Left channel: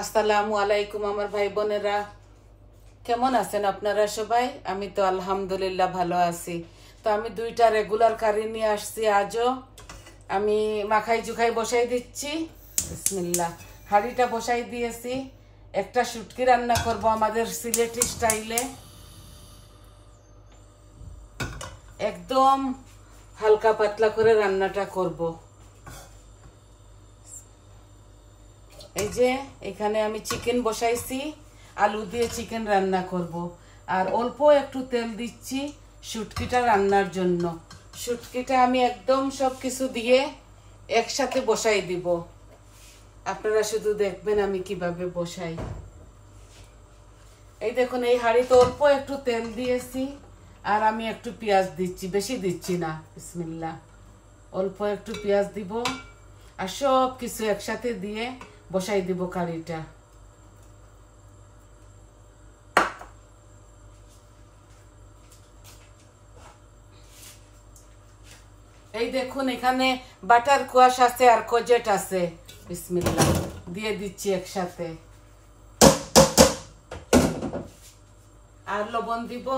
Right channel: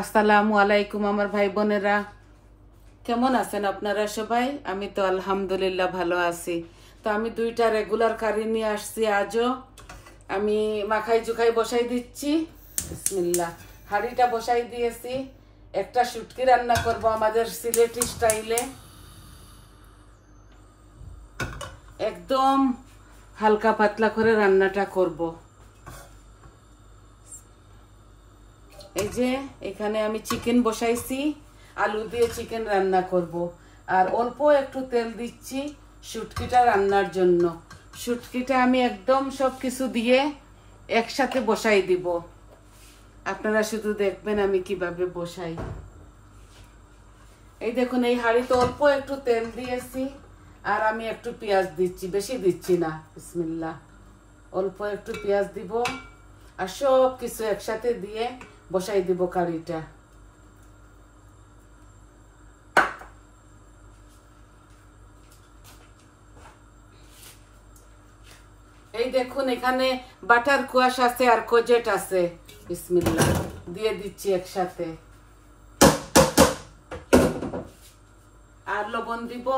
আসসালামু আলাইকুম আমার ভাই বোনেরা, কেমন আছেন আপনারা সবাই? আমি তো আলহামদুলিল্লাহ ভালো আছি। তো আমি দুইটা রেগুলার কারি নিয়ে আসছি। আজও আমি মাখাই জুখাই বসাই দিচ্ছি। বিসমিল্লাহ। হাঁড়িটা বসাই দিয়েছি। একটা শুটকি রান্না করব আমাদের সিলেটি স্টাইলে, একদম হালকা পাতলা করে রান্নাটা করব। এই যে এখানে আমি চিকেন বসাইছি, আলু দিয়ে চিকেন রান্না করব। আর অল্প একটু তেল দিচ্ছি শুটকিটা রান্নার জন্য। শুটকিটা আমি একদম সব কিছু দিয়ে একসাথে বসাই দিব। আপনারা শুধু দেখবেন আমি কিভাবে বসাই। এই দেখুন, এই হাঁড়িতে অল্প একটু তেল দিয়েছি আর আমি একটু পেঁয়াজ দিচ্ছি, বেশি দিচ্ছি না। বিসমিল্লাহ। অল্প একটু পেঁয়াজ দিব আর সব কিছু একসাথে দিয়ে বসাই দিব কারিটা। এই দেখুন, এখানে বাটার কোয়াশ আছে আর কোজেট আছে। বিসমিল্লাহ, দিয়ে দিচ্ছি একসাথে। আর লবণ দিব,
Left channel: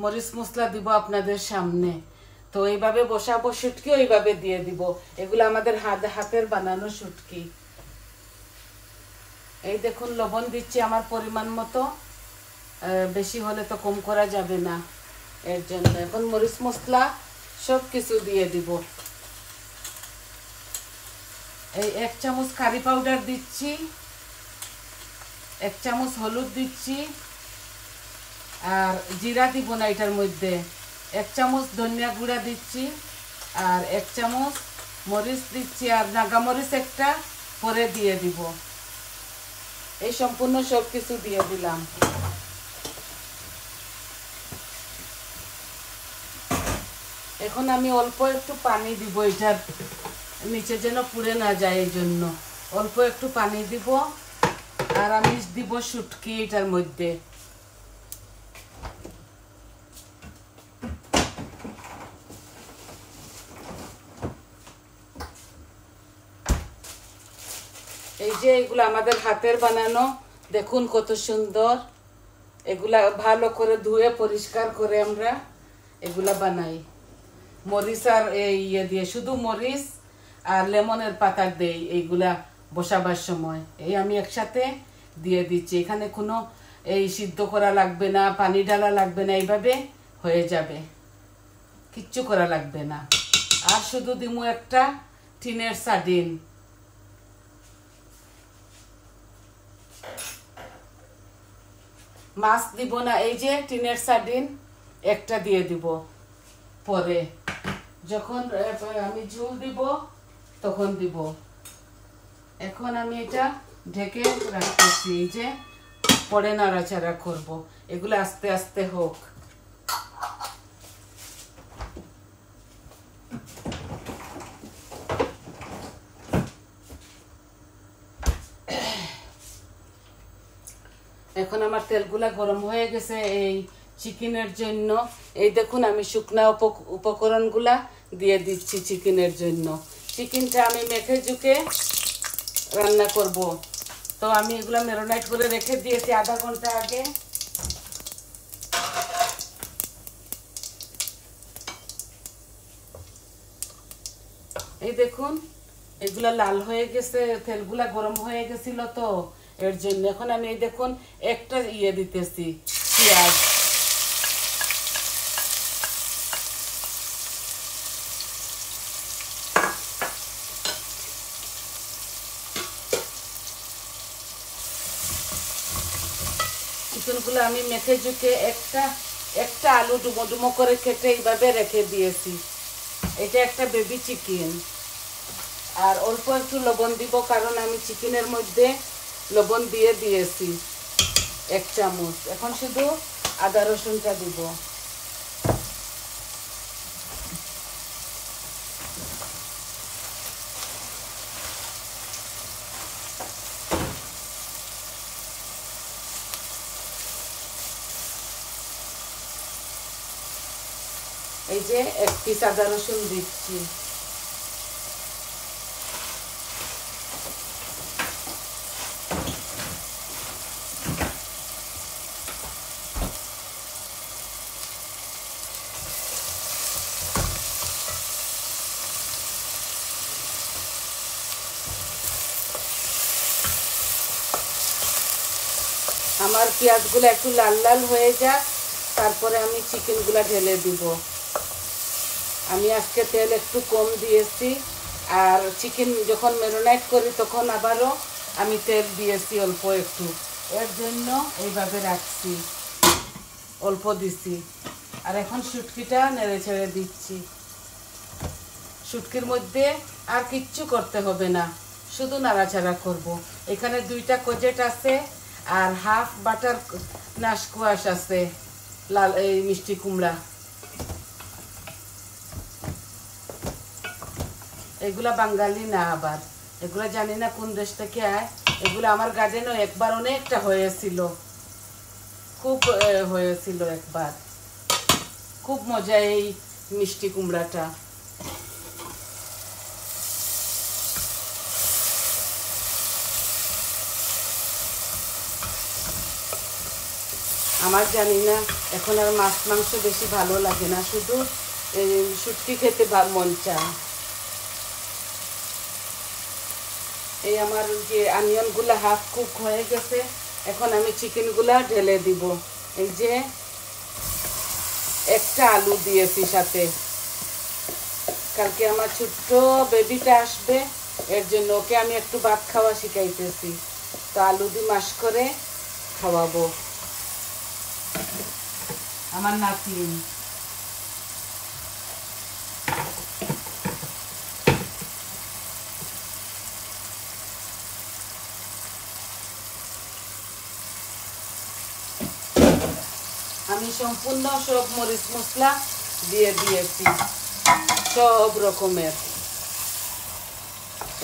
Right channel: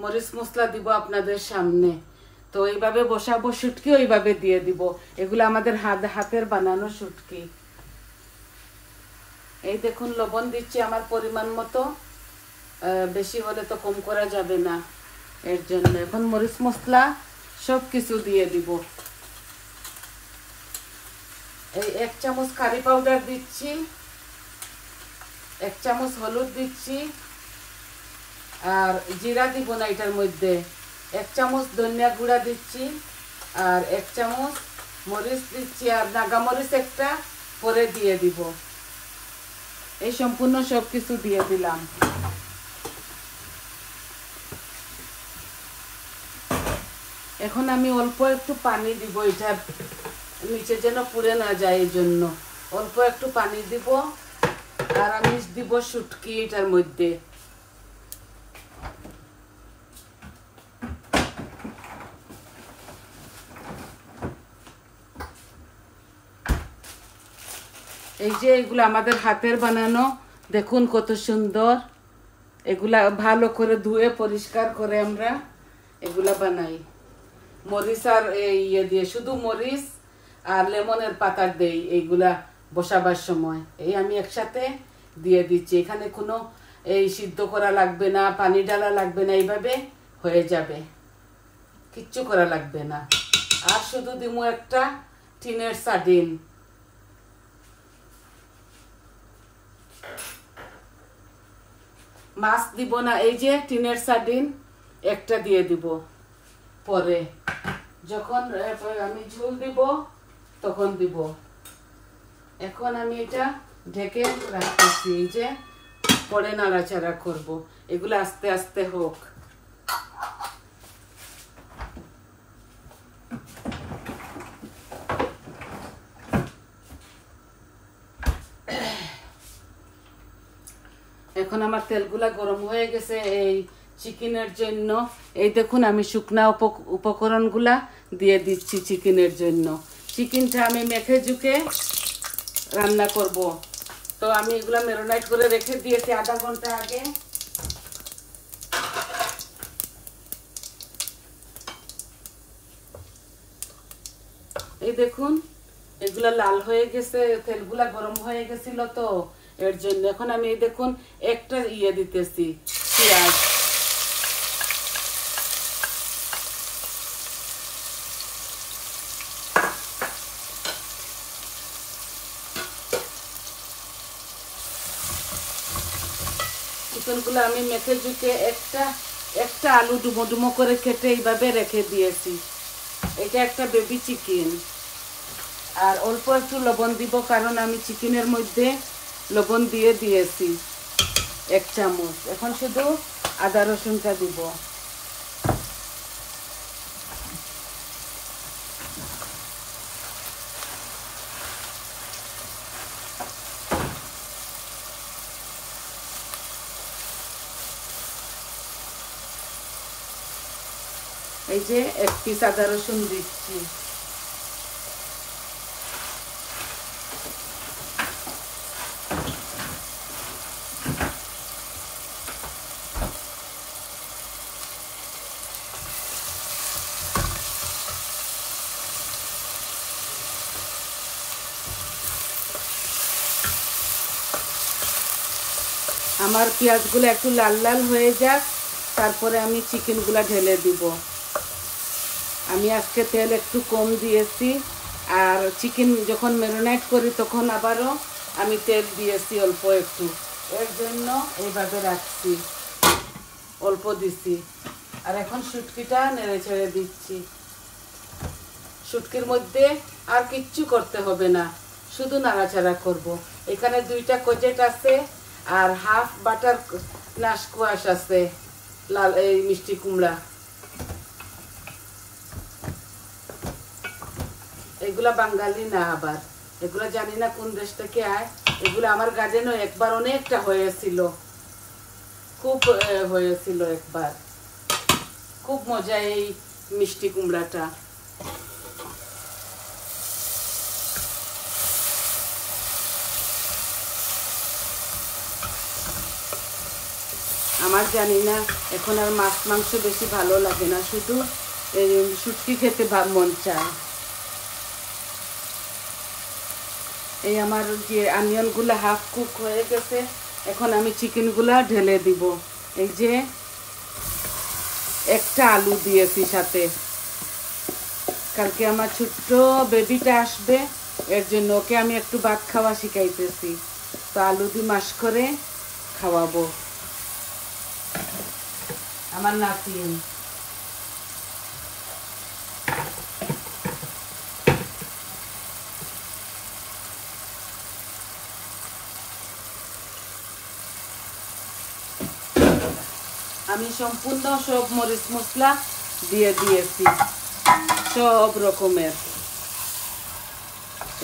মরিচ মশলা দিব আপনাদের সামনে। তো এইভাবে বসাবো শুটকি, ওইভাবে দিয়ে দিব। এগুলো আমাদের হাতের বানানো শুটকি। এই দেখুন, লবণ দিচ্ছি আমার পরিমাণ মতো, বেশি হলে তো কম করা যাবে না, এর জন্য। এখন মরিচ মশলা সব কিছু দিয়ে দিব। এই 1 চামচ কারি পাউডার দিচ্ছি, 1 চামচ হলুদ দিচ্ছি, আর জিরা দিব না এটার মধ্যে। 1 চামচ ধনিয়া গুঁড়া দিচ্ছি, আর 1 চামচ মরিচ দিচ্ছি, আর নাগা মরিচ একটা পরে দিয়ে দিব। এই সম্পূর্ণ সব কিছু দিয়ে দিলাম। এখন আমি অল্প একটু পানি দিব, এটার নিচে যেন পুড়ে না যায়, এই জন্য অল্প একটু পানি দিব। আর আমি দিব শুটকি এটার মধ্যে। এই যে এগুলো আমাদের হাতের বানানো, দেখুন কত সুন্দর। এগুলা ভালো করে ধুয়ে পরিষ্কার করে আমরা এগুলা বানাই। মরিচ আর ইয়ে দিয়ে, শুধু মরিচ আর লেমনের পাতা দেই এইগুলা বসাবার সময়। এই আমি একসাথে দিয়ে দিচ্ছি। এখানে কোনো এই সিদ্ধ করা লাগবে না, পানি ঢালা লাগবে না, এইভাবে হয়ে যাবে, কিচ্ছু করা লাগবে না। আর শুধু দিমু একটা টিনের সার্ডিন। মাছ দিব না, এই যে টিনের সার্ডিন একটা দিয়ে দিব পরে, যখন আমি ঝোল দিব তখন দিব। এখন আমি এটা ঢেকে রাখতেছি, এই যে পরে নাড়াচাড়া করব। এগুলো আস্তে আস্তে হোক। এখন আমার তেলগুলা গরম হয়ে গেছে এই চিকেনের জন্য। এই দেখুন, আমি শুকনা উপকরণগুলা দিয়ে দিচ্ছি চিকেনের জন্য। চিকেনটা আমি মেখে ঝুঁকে রান্না করব। তো আমি এগুলা ম্যারিনেট করে রেখে দিয়েছি আধা ঘন্টা আগে। এই দেখুন, এগুলা লাল হয়ে গেছে, তেলগুলা গরম হয়ে গেছিল, তো এর জন্য। এখন আমি এই দেখুন একটা ইয়ে দিতেছি, পেঁয়াজ। চিকেনগুলো আমি মেখে ঝুঁকে একটা আলু ডুমো ডুমো করে কেটে এইভাবে রেখে দিয়েছি। এটা একটা বেবি চিকেন। আর অল্প একটু লবণ দিব, কারণ আমি চিকেনের মধ্যে লবণ দিয়ে দিয়েছি 1 চামচ। এখন শুধু আদা রসুনটা দিব। এই যে 1 পিস আদা রসুন দিচ্ছি। আমার পেঁয়াজগুলো একটু লাল লাল হয়ে যাক, তারপরে আমি চিকেনগুলো ঢেলে দিব। আমি আজকে তেল একটু কম দিয়েছি, আর চিকেন যখন ম্যারিনেট করি তখন আবারও আমি তেল দিয়েছি অল্প একটু, এর জন্য এইভাবে রাখছি, অল্প দিছি। আর এখন শুটকিটা নেড়ে ছেড়ে দিচ্ছি। শুটকির মধ্যে আর কিচ্ছু করতে হবে না, শুধু নাড়াচাড়া করব। এখানে 2টা কোজেট আছে আর হাফ বাটার নাশকোয়াশ আছে, লাল এই মিষ্টি কুমড়া। এগুলা বাঙালি না, আবার এগুলা জানি না কোন দেশ থেকে আয়। এগুলো আমার গার্ডেনও একবার অনেকটা হয়েছিল, খুব হয়েছিল একবার, খুব মজা এই মিষ্টি কুমড়াটা। আমার জানি না এখন আর মাছ মাংস বেশি ভালো লাগে না, শুধু শুটকি খেতে মন চায়। এই আমার যে অনিয়নগুলো হাফ কুক হয়ে গেছে, এখন আমি চিকেনগুলা ঢেলে দিব। এই যে একটা আলু দিয়েছি সাথে, কালকে আমার ছোট্ট বেবিটা আসবে, এর জন্য ওকে আমি একটু ভাত খাওয়া শিখাইতেছি, তো আলু দিয়ে মাশ করে খাওয়াবো আমার নাতি। আমি সম্পূর্ণ সব মরিচ মশলা দিয়ে দিয়েছি, সব রকমের।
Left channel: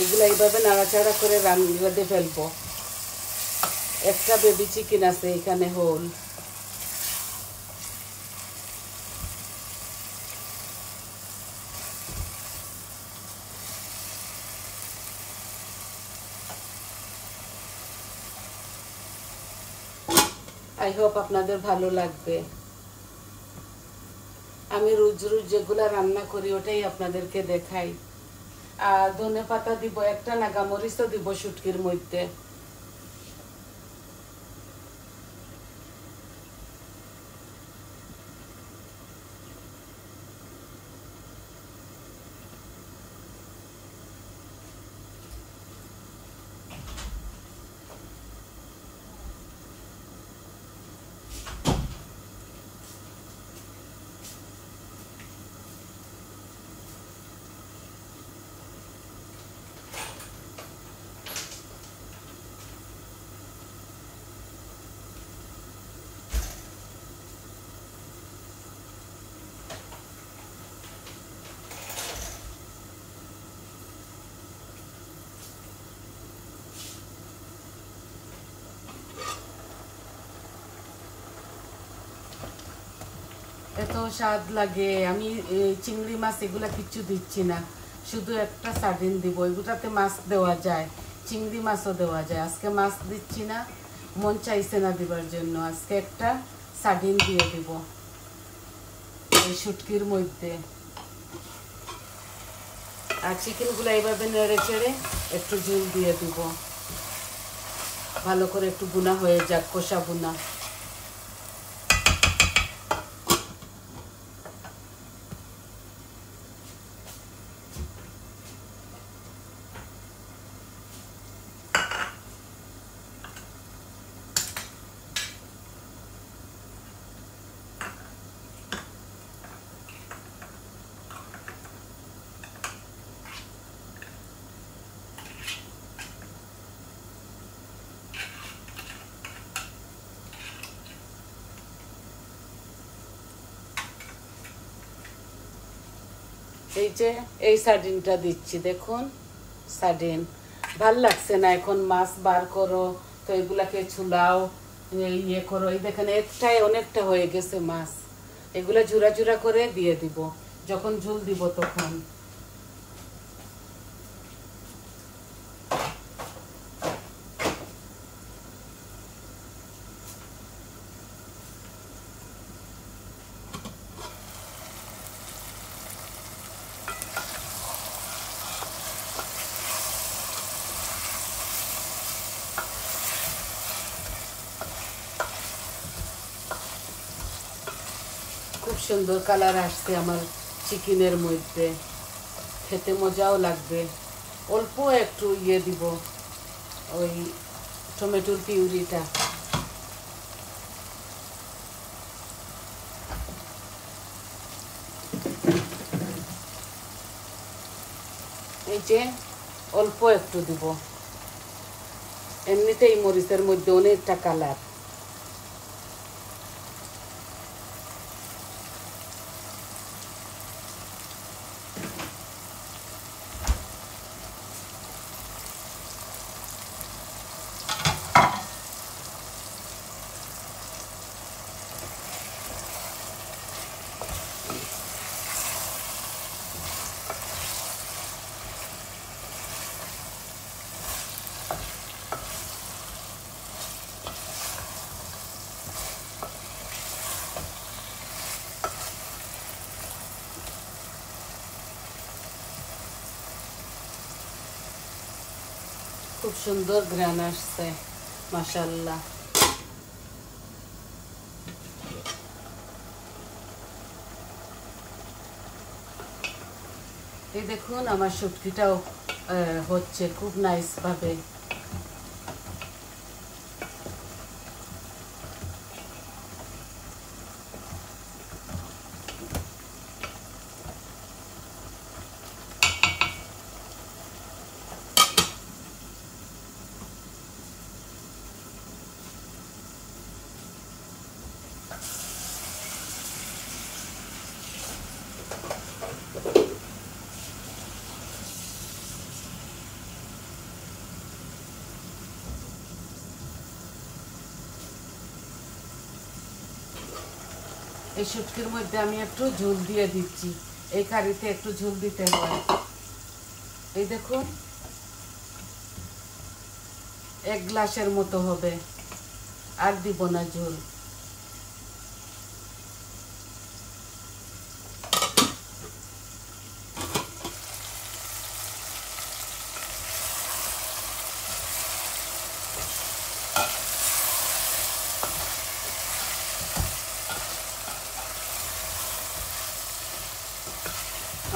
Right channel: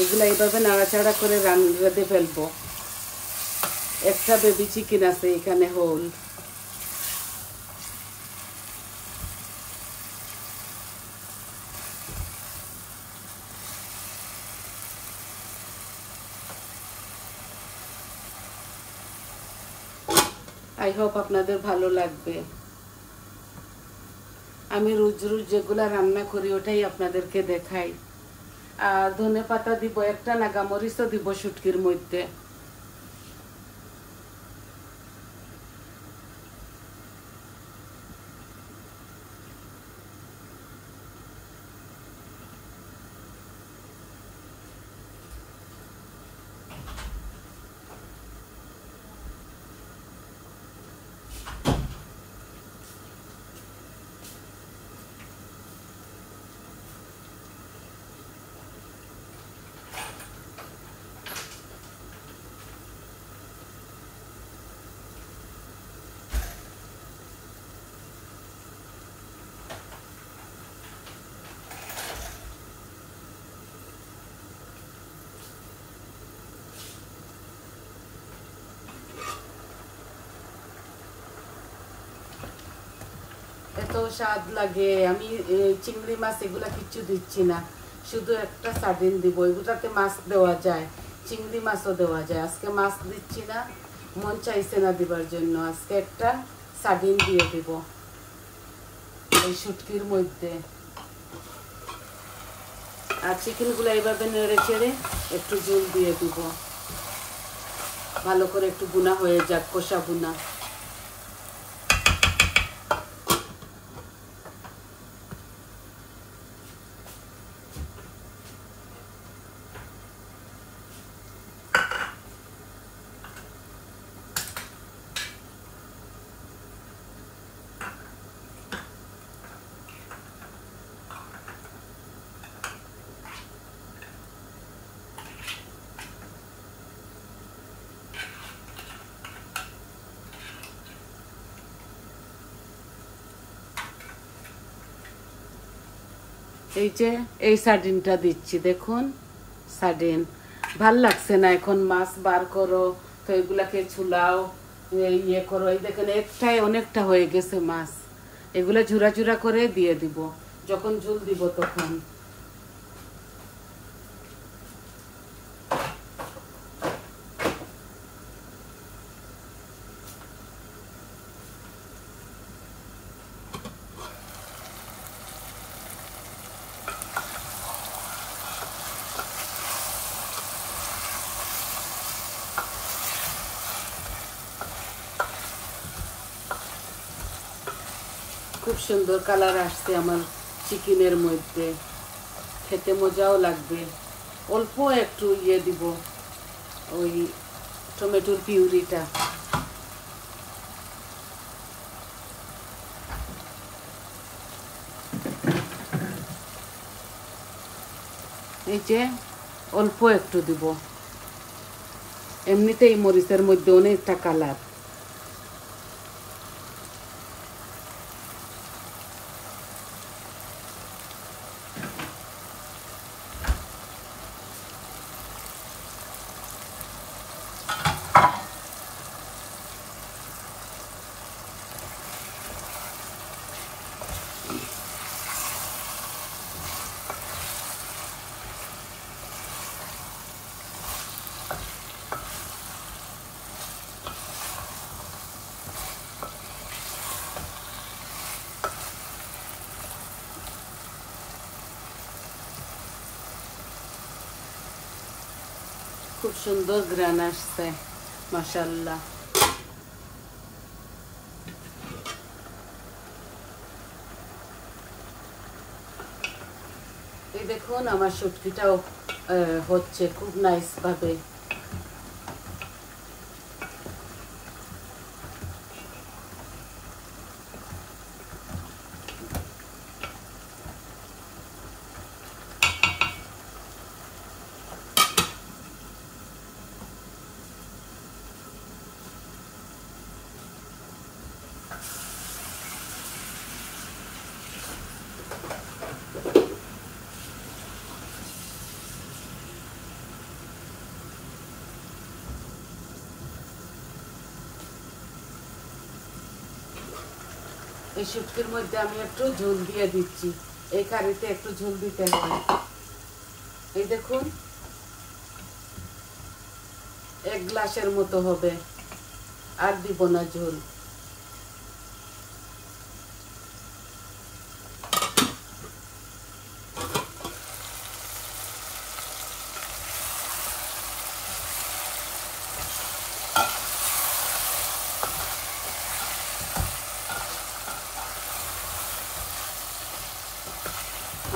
এগুলো এইভাবে নাড়াচাড়া করে রাঁধে ফেলবো। একটা বেবি চিকেন আছে এখানে হোল। আই হোপ আপনাদের ভালো লাগবে। আমি রোজ রোজ যেগুলো রান্না করি ওটাই আপনাদেরকে দেখাই। আর ধনেপাতা দিব, একটা নাগামরিচও দিব শুটকির মধ্যে। এত স্বাদ লাগে। আমি চিংড়ি মাছ এগুলা কিচ্ছু দিচ্ছি না, শুধু একটা সার্ডিন দিব। এগুলাতে মাছ দেওয়া যায়, চিংড়ি মাছও দেওয়া যায়। আজকে মাছ দিচ্ছি না, মন চাইছে না দিবার জন্য। আজকে একটা সার্ডিন দিয়ে দিব এই শুটকির মধ্যে। আর চিকেনগুলো এইভাবে নেড়ে চেড়ে একটু ঝোল দিয়ে দিব, ভালো করে একটু বুনা হয়ে যাক, কষা বুনা। এই যে এই সার্ডিনটা দিচ্ছি, দেখুন সার্ডিন। ভাল লাগছে না, এখন মাছ বার করো তো এগুলাকে ছুলাও, ইয়ে করো। এই দেখেন একটাই অনেকটা হয়ে গেছে মাছ। এগুলো ঝুরা ঝুরা করে দিয়ে দিব যখন ঝোল দিব তখন। খুব সুন্দর কালার আসছে আমার চিকেনের মধ্যে, খেতে মজাও লাগবে। অল্প একটু দিব, ওই টমেটোর পিউরিটা। এই যে অল্প একটু দিব, এমনিতেই মরিচের মধ্যে অনেকটা কালার। খুব সুন্দর গ্রান আসছে, মাশাআল্লাহ। এই দেখুন আমার শুটকিটাও হচ্ছে খুব নাইস ভাবে। এই শুটকির মধ্যে আমি একটু ঝোল দিয়ে দিচ্ছি, এই কারিতে একটু ঝোল দিতে হয়। এই দেখুন 1 গ্লাসের মতো হবে, আর দিব না ঝোল।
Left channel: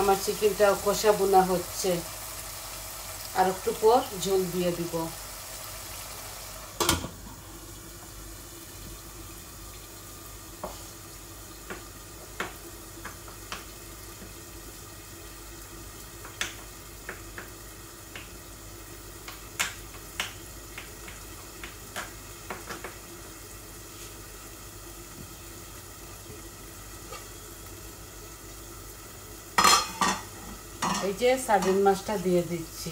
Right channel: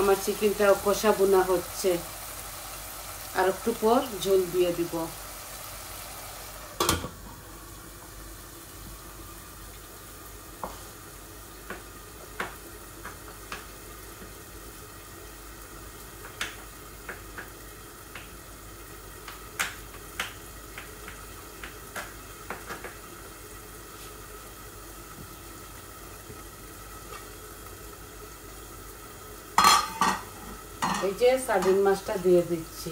আমার চিকেনটা কষা বোনা হচ্ছে, আর একটু পর ঝোল দিয়ে দিব। এই যে সার্ডিন মাছটা দিয়ে দিচ্ছি।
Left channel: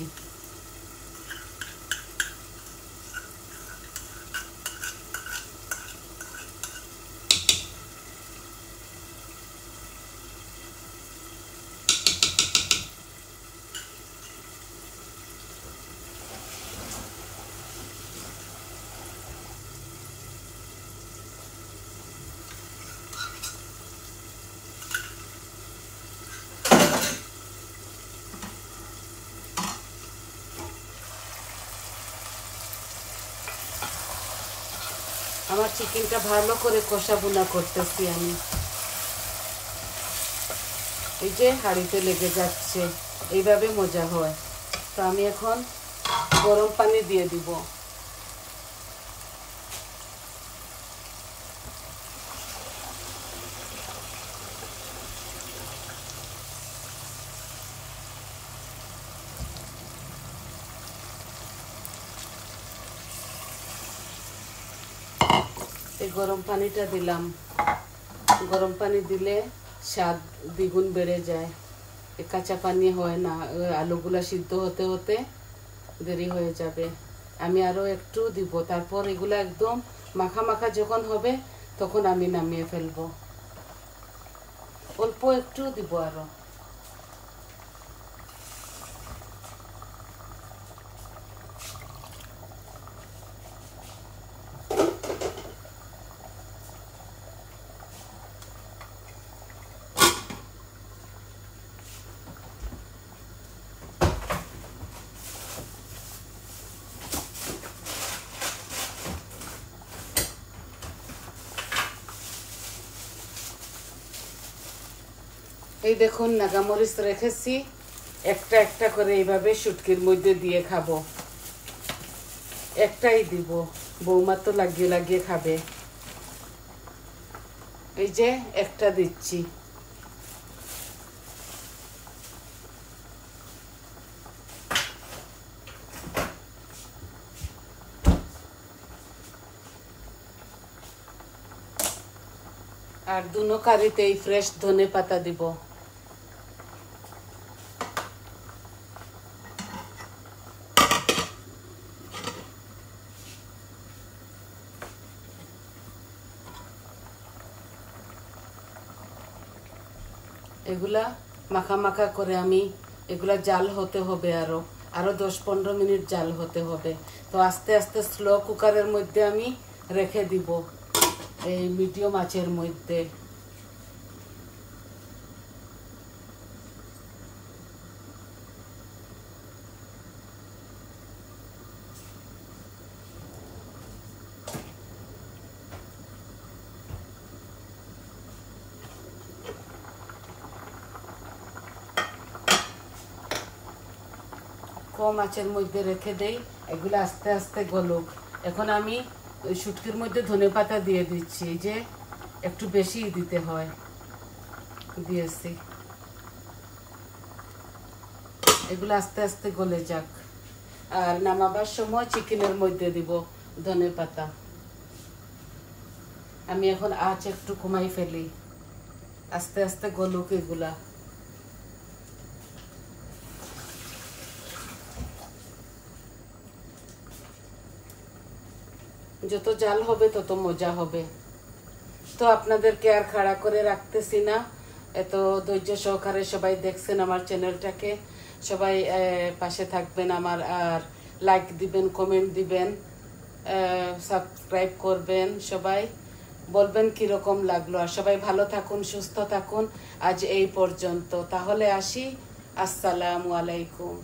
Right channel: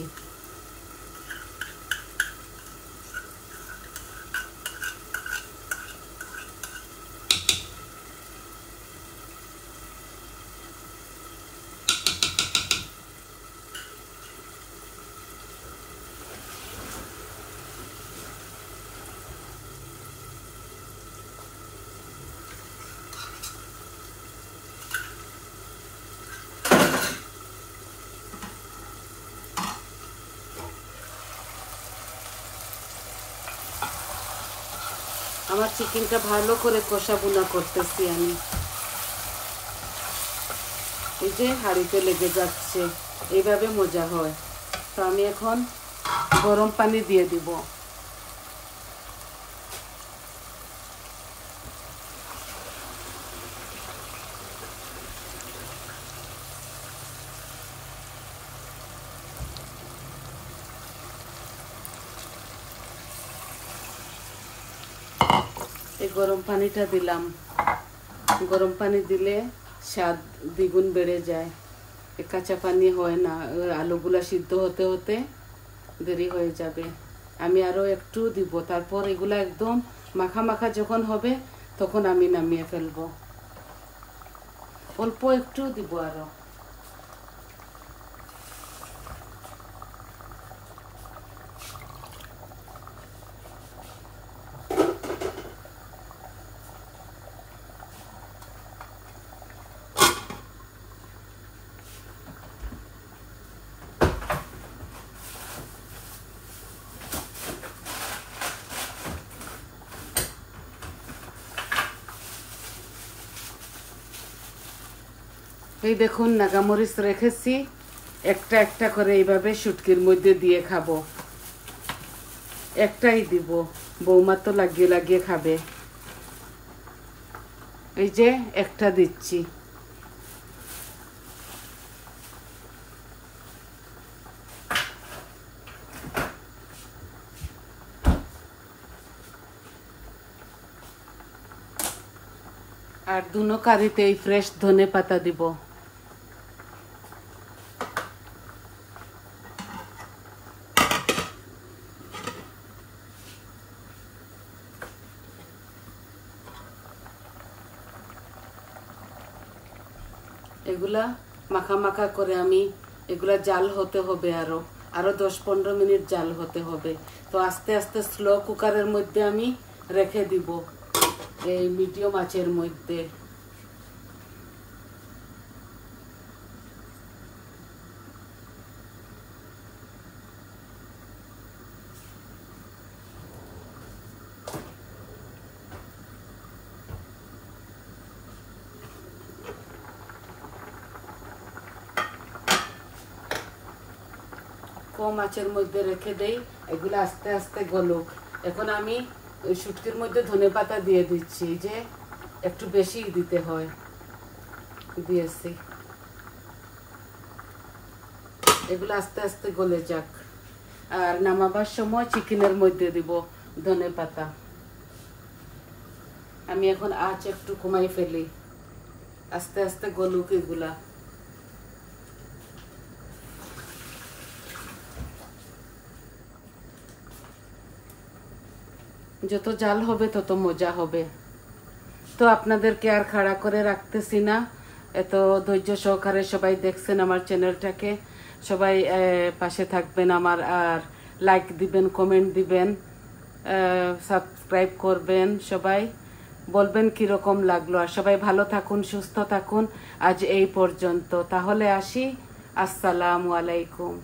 আমার চিকেনটা ভালো করে কষা বোনা করতেছি আমি। এই যে হাঁড়িতে লেগে যাচ্ছে, এইভাবে মজা হয়। তো আমি এখন গরম পানি দিয়ে দিব। এই গরম পানিটা দিলাম, গরম পানি দিলে স্বাদ দ্বিগুণ বেড়ে যায়। কাঁচা পানি হয় না, আলুগুলা সিদ্ধ হতে হতে দেরি হয়ে যাবে। আমি আরো একটু দিব, তারপর এগুলা একদম মাখা মাখা যখন হবে তখন আমি নামিয়ে ফেলবো। অল্প একটু দিব আরো। এই দেখুন নাগামরিচ রেখেছি, একটা একটা করে এইভাবে শুটকির মধ্যে দিয়ে খাবো। একটাই দিব, বৌমা তো লাগিয়ে লাগিয়ে খাবে। এই যে একটা দিচ্ছি। আর দুনো কারিতেই ফ্রেশ ধনে পাতা দিব। এগুলা মাখা মাখা করে আমি এগুলা জাল হতে হবে, আরো 10-15 মিনিট জাল হতে হবে। তো আস্তে আস্তে স্লো কুকারের মধ্যে আমি রেখে দিব এই মিডিয়াম আঁচের মধ্যে। কম আঁচের মধ্যে রেখে দেই, এগুলো আস্তে আস্তে গলুক। এখন আমি ওই শুটকির মধ্যে ধনে পাতা দিয়ে দিচ্ছি, যে একটু বেশি দিতে হয়, দিয়েছি। এগুলো আস্তে আস্তে গলে যাক। আর নামাবার সময় চিকেনের মধ্যে দিব ধনে পাতা। আমি এখন আঁচ একটু কমাই ফেলি, আস্তে আস্তে গলুক এগুলা। যত জাল হবে তত মজা হবে। তো আপনাদেরকে আর খাড়া করে রাখতেছি না, এত ধৈর্য সহকারে সবাই দেখছেন আমার চ্যানেলটাকে। সবাই পাশে থাকবেন আমার, আর লাইক দিবেন, কমেন্ট দিবেন, সাবস্ক্রাইব করবেন। সবাই বলবেন কিরকম লাগলো। আর সবাই ভালো থাকুন, সুস্থ থাকুন। আজ এই পর্যন্ত, তাহলে আসি। আসসালামু আলাইকুম।